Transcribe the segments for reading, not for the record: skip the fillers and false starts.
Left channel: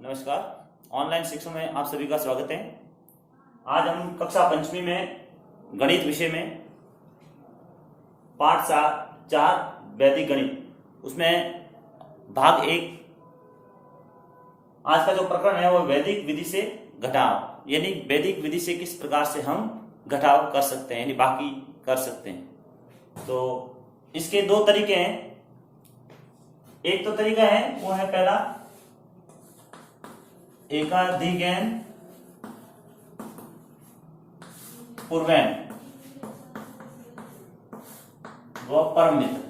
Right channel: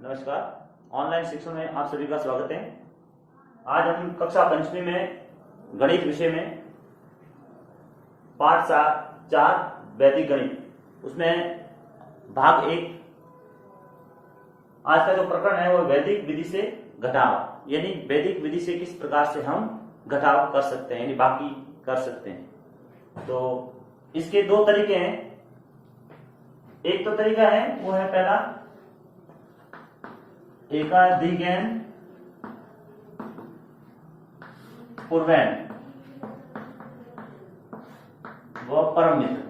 नमस्कार। ऑनलाइन शिक्षण में आप सभी का स्वागत है। आज हम कक्षा पंचमी में गणित विषय में पाठ 4 वैदिक गणित उसमें भाग 1 आज का जो प्रकरण है वो वैदिक विधि से घटाव, यानी वैदिक विधि से किस प्रकार से हम घटाव कर सकते हैं, यानी बाकी कर सकते हैं। तो इसके 2 तरीके हैं। एक तो तरीका है वो है पहला एकाधिकैन पूर्वैन व परमित्र।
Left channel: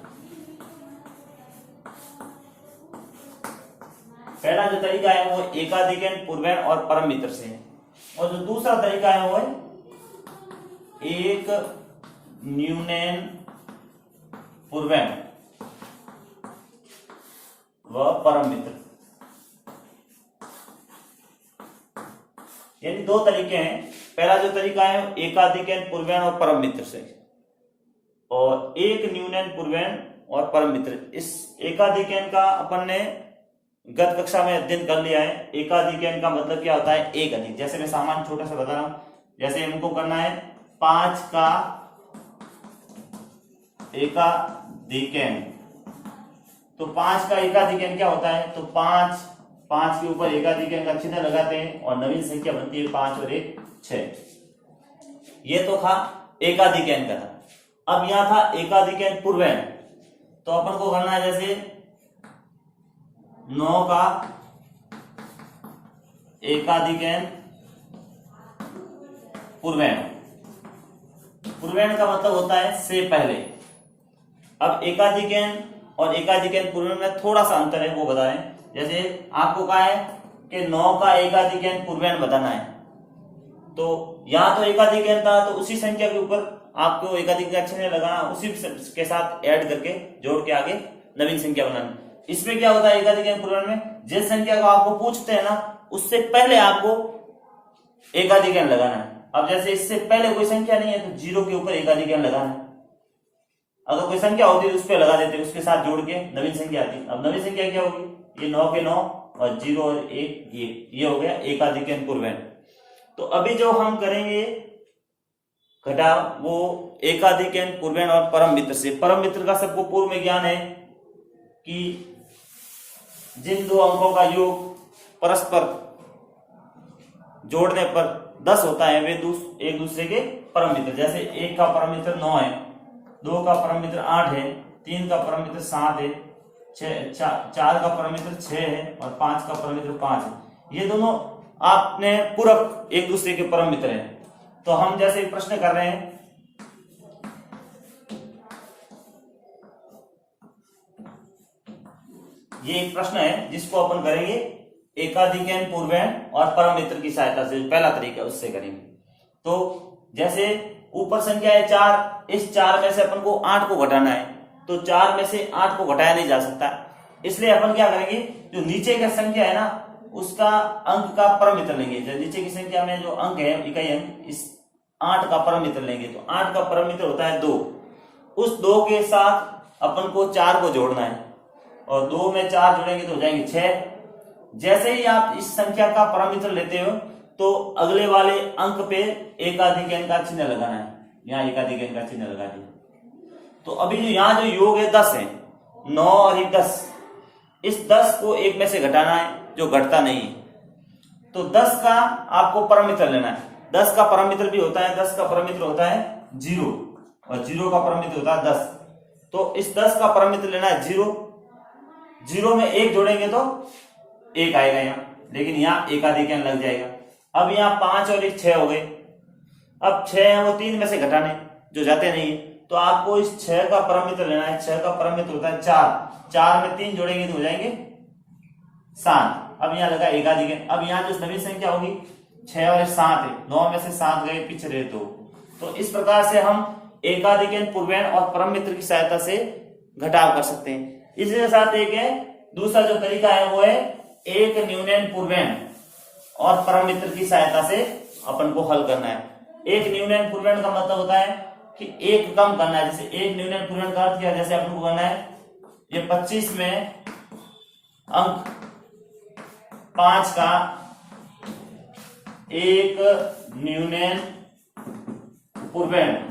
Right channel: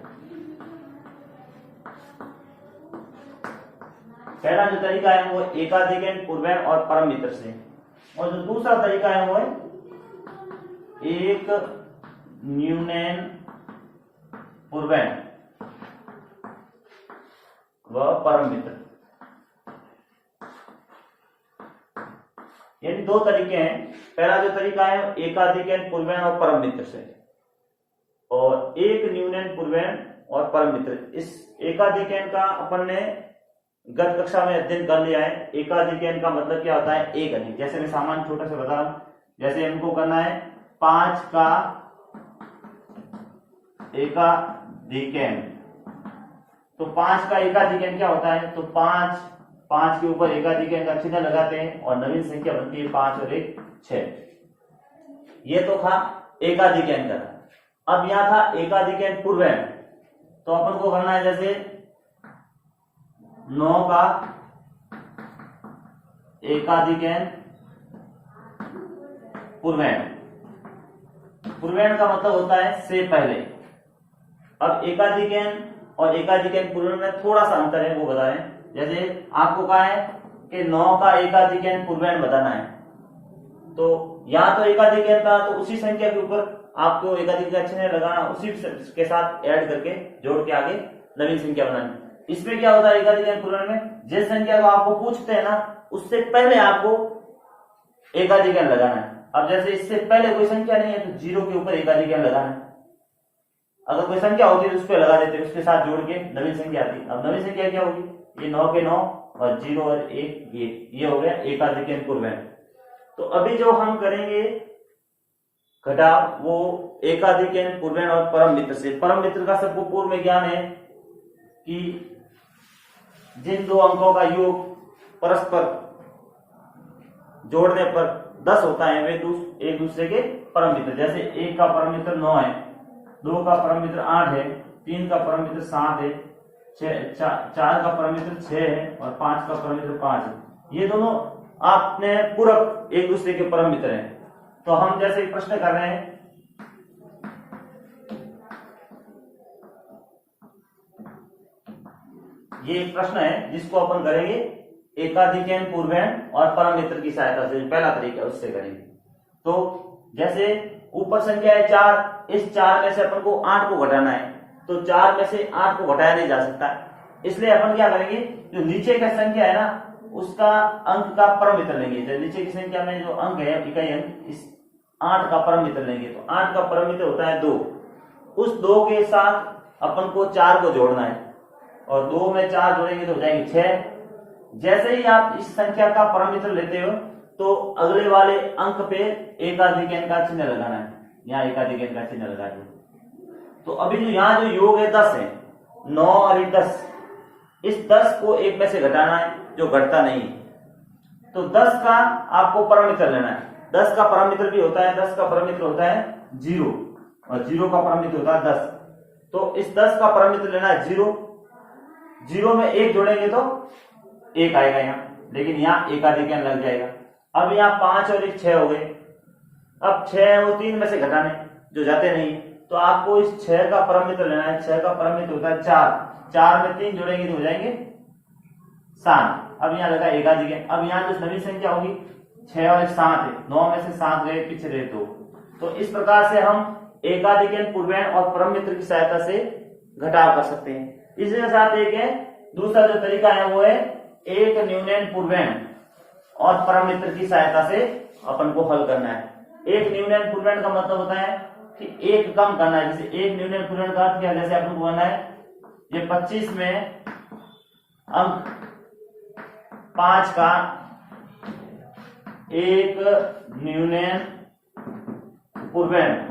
पहला जो तरीका है वो एकाधिकैन पूर्वैन और परम मित्र से है, और जो दूसरा तरीका है वो है एक न्यूनैन पूर्वैन व परम मित्र। यानी 2 तरीके हैं। पहला जो तरीका है एकाधिकैन पूर्वैन और परम मित्र से, और एक न्यूनैन पूर्वैन और परम मित्र। इस एकाधिकैन का अपन ने गत कक्षा में अध्ययन कर लिया है। एकाधिकैन का मतलब क्या होता है? एक अधिक। जैसे मैं सामान्य छोटा सा बता रहा हूं, जैसे हमको करना है 5 का एकाधिकैन, तो 5 का एकाधिकैन क्या होता है? तो 5 के ऊपर एकाधिकैन का चिन्ह लगाते हैं और नवीन संख्या बनती है 5 और 1 6। ये तो था एकाधिकैन का था। अब यहां था एकाधिकैन पूर्वैन, तो अपन को करना है जैसे 9 का एकाधिकैन पूर्वैन। पूर्वैन का मतलब होता है से पहले। अब एकाधिकैन और एकाधिकैन पूर्वैन में थोड़ा सा अंतर है, वो बता रहे हैं। जैसे आपको कहा है कि 9 का एकाधिकैन पूर्वैन बताना है, तो यहां तो एकाधिकैन था, तो उसी संख्या के ऊपर आपको एकाधिकैन चिन्ह लगाना, उसी के साथ ऐड करके जोड़ के आगे नवीन संख्या बनानी। इसमें क्या होता है एकाधिकैन पूर्वैन में, जिस संख्या को आपको पूछते हैं ना, उससे पहले आपको एकाधिकैन लगाना है। अब जैसे इससे पहले कोई संख्या नहीं है तो 0 के ऊपर एकाधिकैन लगाना है। अगर कोई संख्या होती है तो उस पर लगा देते, उसके साथ जोड़ के नवीन संख्या आती। अब नवीन संख्या क्या होगी? ये 9 के 9 और 0 और 1 ये हो गया एकाधिकैन पूर्वैन। तो अभी जो हम करेंगे घटाव वो एकाधिकैन पूर्वैन और परम मित्र से। परम मित्र का सबको पूर्व में ज्ञान है कि जिन 2 अंकों का योग परस्पर जोड़ने पर 10 होता है वे एक दूसरे के परम मित्र। जैसे 1 का परम मित्र 9 है, 2 का परम मित्र 8 है, 3 का परम मित्र 7 है, 4 का परम मित्र 6 है और 5 का परम मित्र 5 है। ये दोनों आपने पूरक एक दूसरे के परम मित्र हैं। तो हम जैसे प्रश्न कर रहे हैं, ये एक प्रश्न है जिसको अपन करेंगे एकाधिकैन पूर्वैन और परम मित्र की सहायता से। पहला तरीका उससे करेंगे। तो जैसे ऊपर संख्या है 4, इस 4 में से अपन को 8 को घटाना है, तो 4 में से 8 को घटाया नहीं जा सकता, इसलिए अपन क्या करेंगे, जो नीचे का संख्या है ना उसका अंक का परम मित्र लेंगे। जो नीचे की संख्या में जो अंक है इकाई अंक, इस 8 का परम मित्र लेंगे। तो 8 का परम मित्र होता है 2। उस 2 के साथ अपन को 4 को जोड़ना है, और 2 में 4 जोड़ेंगे तो हो जाएंगे 6। जैसे ही आप इस संख्या का परम मित्र लेते हो तो अगले वाले अंक पे एकाधिकैन का चिन्ह लगाना है। यहाँ एकाधिकैन का चिन्ह लगा दिया। तो अभी जो यहाँ जो योग है 10 है, 9 और 1 10। इस 10 को 1 में से घटाना है जो घटता नहीं है। तो 10 का आपको परम मित्र लेना है। 10 का परम मित्र भी होता है, 10 का परम मित्र होता है 0, और 0 का परम मित्र होता है 10। तो इस 10 का परम मित्र लेना है 0। 0 में 1 जोड़ेंगे तो 1 आएगा यहाँ, लेकिन यहाँ एकाधिकैन लग जाएगा। अब यहाँ 5 और 1 6 हो गए। अब 6 है वो 3 में से घटाने जो जाते नहीं है, तो आपको इस 6 का परम मित्र लेना है। 6 का परम मित्र होता है 4। 4 में 3 जोड़ेंगे तो हो जाएंगे 7। अब यहाँ लगा एकाधिकैन। अब यहाँ जो नवीन संख्या होगी 6 और 7 है, 9 में से 7 गए, पीछे रहे 2। तो इस प्रकार से हम एकाधिकैन पूर्वैन और परम मित्र की सहायता से घटाव कर सकते हैं। इसी के साथ एक है दूसरा जो तरीका है वो है एक न्यूनैन पूर्वैन और परम मित्र की सहायता से अपन को हल करना है। एक न्यूनैन पूर्वैन का मतलब होता है कि एक कम करना है। जैसे एक न्यूनैन पूर्वैन का अर्थ क्या है, जैसे अपन को करना है ये 25 में अंक 5 का एक न्यूनन पूर्णांक,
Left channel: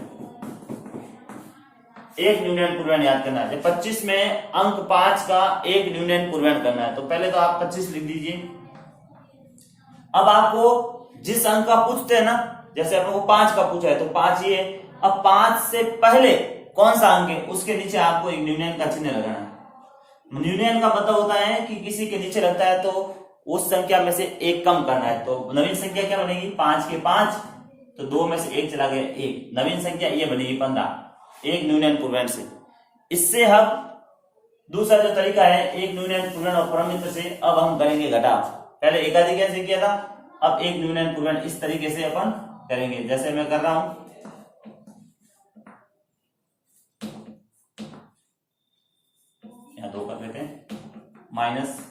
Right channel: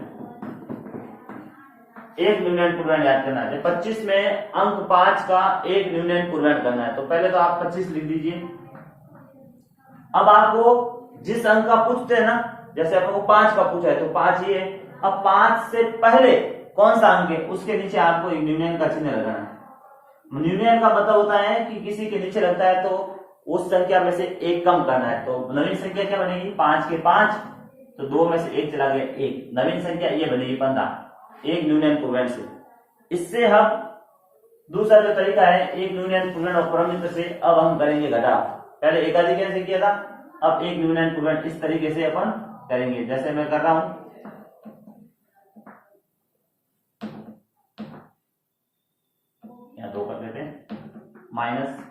एक न्यूनन पूर्णांक याद करना है। 25 में अंक 5 का एक न्यूनन पूर्णांक करना है। तो पहले तो आप 25 लिख दीजिए। अब आपको जिस अंक का पूछते हैं ना, जैसे आपको 5 का पूछा है तो 5 ये, अब 5 से पहले कौन सा अंक है उसके नीचे आपको एक न्यूनन का चिन्ह लगाना है। न्यूनन का मतलब होता है कि किसी के नीचे लगता है तो उस संख्या में से एक कम करना है। तो नवीन संख्या क्या बनेगी, 5 के 5, तो 2 में से एक चला गया 1, नवीन संख्या ये बनेगी 15, एक न्यूनन पूर्णांक से। इससे हम दूसरा जो तरीका है एक न्यूनन पूर्णांक और परम मित्र से, अब हम करेंगे घटाव। पहले एकाधिक कैसे किया था, अब एक न्यूनन पूर्णांक इस तरीके से अपन करेंगे, जैसे मैं कर रहा हूं। यहां 2 कर लेते हैं, माइनस,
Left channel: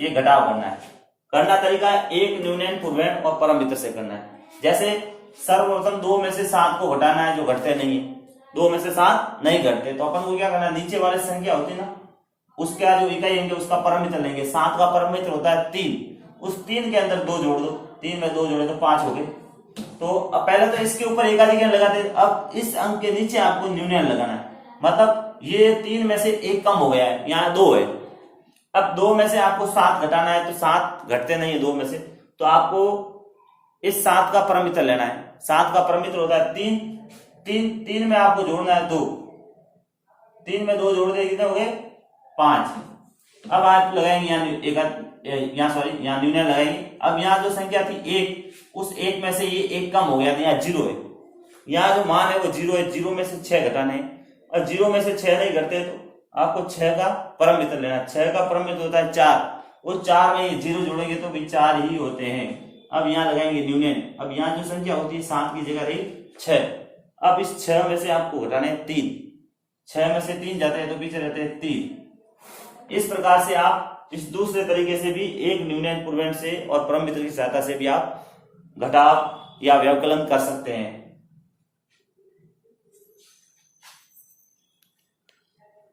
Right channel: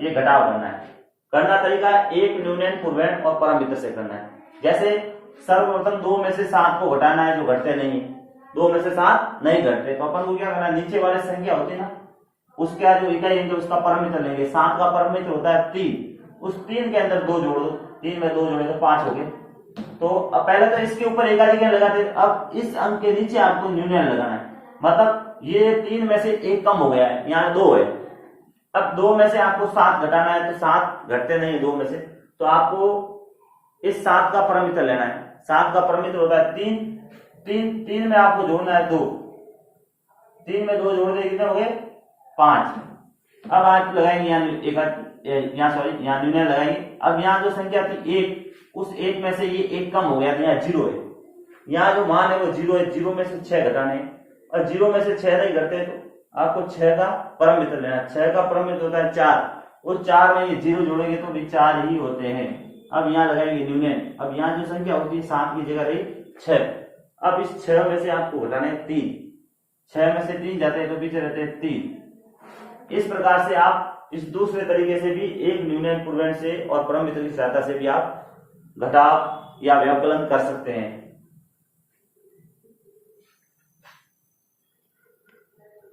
ये घटाव करना है। करना तरीका एक न्यूनन पूर्णांक और परम मित्र से करना है। जैसे सर्वप्रथम 2 में से 7 को घटाना है जो घटते नहीं है, 2 में से 7 नहीं घटते, तो अपन को क्या करना है, नीचे वाले संख्या होती है ना उसका जो इकाई लेंगे उसका परम मित्र लेंगे। 7 का परम मित्र होता है 3, उस 3 के अंदर 2 जोड़ दो, 3 में 2 जोड़े तो 5 हो गए। तो अब पहले तो इसके ऊपर एकाधिक लगाते, अब इस अंक के नीचे आपको न्यूनन लगाना है। मतलब ये 3 में से 1 कम हो गया है, यहाँ 2 है। अब 2 में से आपको 7 घटाना है, तो 7 घटते नहीं है 2 में से, तो आपको इस 7 का परम मित्र लेना है। 7 का परम मित्र होता है 3, 3 में आपको जोड़ना है 2, 3 में 2 जोड़ दे कितने हो गए 5। अब आप लगाएंगे यहाँ न्यूनन लगाएंगे। अब यहाँ जो संख्या थी 1, उस 1 में से ये 1 कम हो गया था, यहाँ 0 है, यहाँ जो मान है वो 0 है, 0 में से 6 घटाने हैं, और 0 में से 6 नहीं घटते तो आपको 6 का परम मित्र लेना। 6 का परम मित्र होता है 4, उस 4 में ये 0 जोड़ेंगे तो भी 4 ही होते हैं। अब यहाँ लगाएंगे न्यूनन। अब यहाँ जो संख्या होती है 7 की जगह रही 6, अब इस 6 में से आपको घटाने 3, 6 में से 3 जाते हैं तो पीछे रहते हैं 3। इस प्रकार से आप इस दूसरे तरीके से भी एक न्यूनन पूर्णांक से और परम मित्र की सहायता से भी आप घटाव या व्यवकलन कर सकते हैं।